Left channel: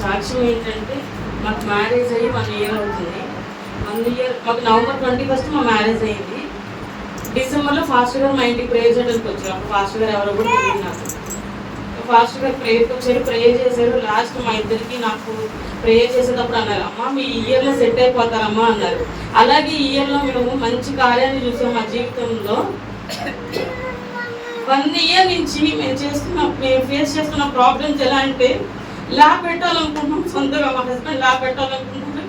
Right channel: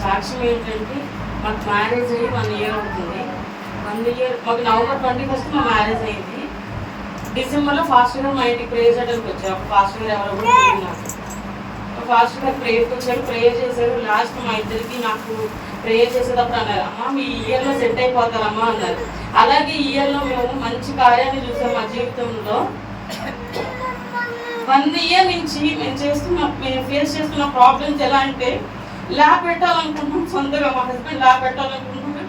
సాక్ష్యం ఏంటంటే మాకు మ్యారేజ్ అయ్యి 1 ఇయర్ అవుతుంది. 1 ఇయర్ మాకు నవంబర్ 21 మా మ్యారేజ్ అయ్యింది. డిసెంబర్లో ఫాస్టర్ గారు మా ఇంటికి ప్రేయర్ చేయడానికి వచ్చారు. అప్పుడు ఫాస్టర్ గారు ఎవరు కూడా ఉన్నారు. ఫాస్టర్ గారు ప్రేయర్కి వచ్చారు, ప్రేయర్ చేశారు. లాస్ట్ మా ఇద్దరికి నాకు ప్రేయర్ చేసేటప్పుడు అన్నారు, అమ్మ మీ ఇయర్లో సెట్ అయిపోతారమ్మా అన్నారు. అలాగే ఈ ఇయర్లో మేము మంచి కార్యాన్ని చూసాం మా జీవితంలో. 1 ఇయర్ నుంచి మేము ఫేస్ చేస్తున్న ప్రాబ్లమ్స్ ఎలా అంటే, ల్యాబ్ పెట్టాలనుకుంటున్నాం, సొంతగా మా హస్బెండ్ ల్యాబ్ పెట్టాలనుకుంటున్నాం.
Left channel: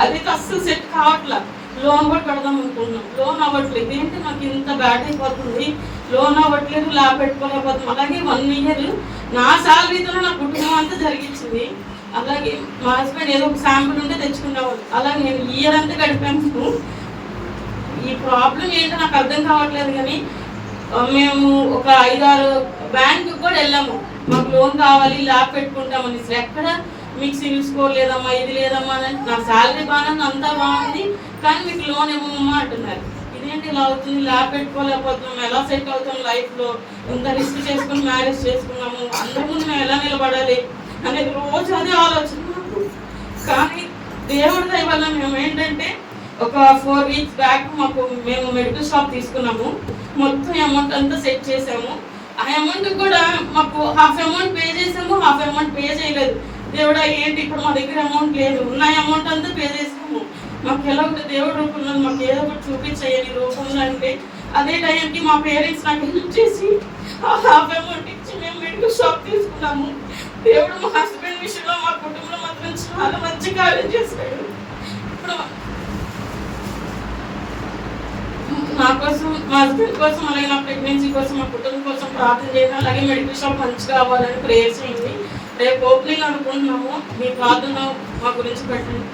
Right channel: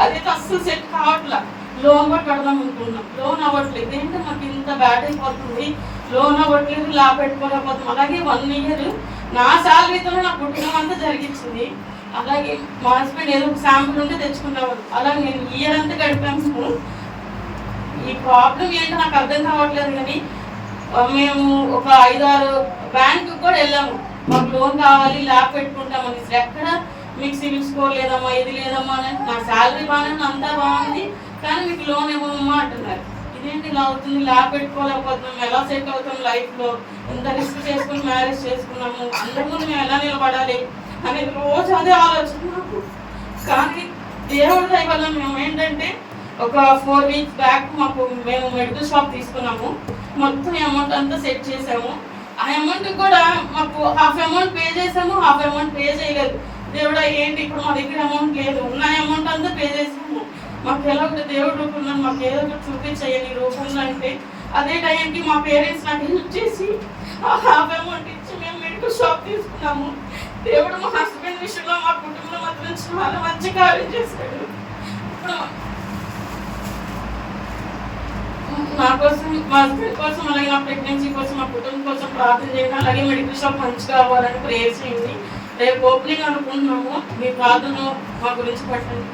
అదైతే అస్సలు సెట్ కావట్లా. లోన్ కూడా పెడదాం అనుకుంటున్నాం, లోన్ అవ్వట్లేదు. ఏంటంటే మాకు ఇంత బ్యాడ్ అయిపోతుంది, లోన్ అవ్వట్లేదు, ల్యాబ్ పెట్టుకోలేకపోతున్నాం. అలాగే 1 ఇయర్ నా శాలరీతో నా కుటుంబం అంతా జరిగించింది. అలాగే మా హస్బెండ్ ఏదో ఒక శాంపుల్ ఉంటే తెచ్చుకునేవాడు. అలాగే నేను ఇయర్ అంతా గడిపాము. ఈ ప్రాబ్లం ఏంటో నాకు అర్థం కావట్లేదు. కానీ మేము ఒక 5-6 బ్యాంకు కూడా వెళ్ళాము, మాకు లోన్ కావాలి, ల్యాబ్ పెట్టుకుంటామని. ఎక్కడ మీకు సివిల్ స్కోర్ లేదమ్మా, ఇది లేదమ్మా అని, నా శాలరీ బాగానే అంతా బాగుంది కానీ మీకు లోన్ ఇవ్వమమ్మా అంటున్నారు. ఇదేంటి ఇలా అవుతుంది, ల్యాబ్ పెట్టుకోలేకపోతున్నాం, ఎలా సెట్ అవుతాం లైఫ్లో, ఇంత రిస్క్ చేసుకుని మ్యారేజ్ చేసుకున్నాము, అందరి ముందు మేము ఎలా నిలబడాలి అనేది రోజు అదే ఆలోచన నాకు. కానీ దేవుడి దయ వల్ల మేము ఏంటంటే ఒక 4 వీక్స్ బ్యాక్ మేము మెడికల్ షాప్ తీసుకున్నాము. మొత్తం అమౌంట్ అంతా సెట్ చేసాము. ఆ అమౌంట్ కూడా మాకు హాఫ్ అమౌంట్ పే చేసాము, హాఫ్ అమౌంట్ పే చేయలేదు. దేవుడా ఏంటి ఇప్పుడు మా దగ్గర అమౌంట్ లేదు, ఉన్న అమౌంట్ అంతా పే చేసాము. మాకు ఎలా ఒకటి దేవుడు రూపంలో మాకు ఏదో ఒకటి చూపించేయాలి రూపంలో అంటే, అదే టైంకి మా పేరెంట్స్ నాకు హెల్ప్ చేసి ఆ హాఫ్ అమౌంట్ ఇచ్చి మేము మెడికల్ షాప్ తీసుకున్నాము. దేవుడు మా హస్బెండ్ విషయంలో మా కుటుంబంలో మాత్రం చాలా మంచి కార్యం చేశాడు. ఇప్పుడు నా కోసం, మా హస్బెండ్ కోసం, అలాగే నా ప్రెగ్నెన్సీ కోసం, మా కుటుంబం కోసం ప్రార్థన చేయండి. అలాగే మెడికల్ షాప్ మంచిగా అవ్వాలని ప్రేయర్ చేయండి. రేపు ఓపెనింగ్ అనుకుంటున్నాము, మీ ప్రార్థన మా గురించి పెట్టండి.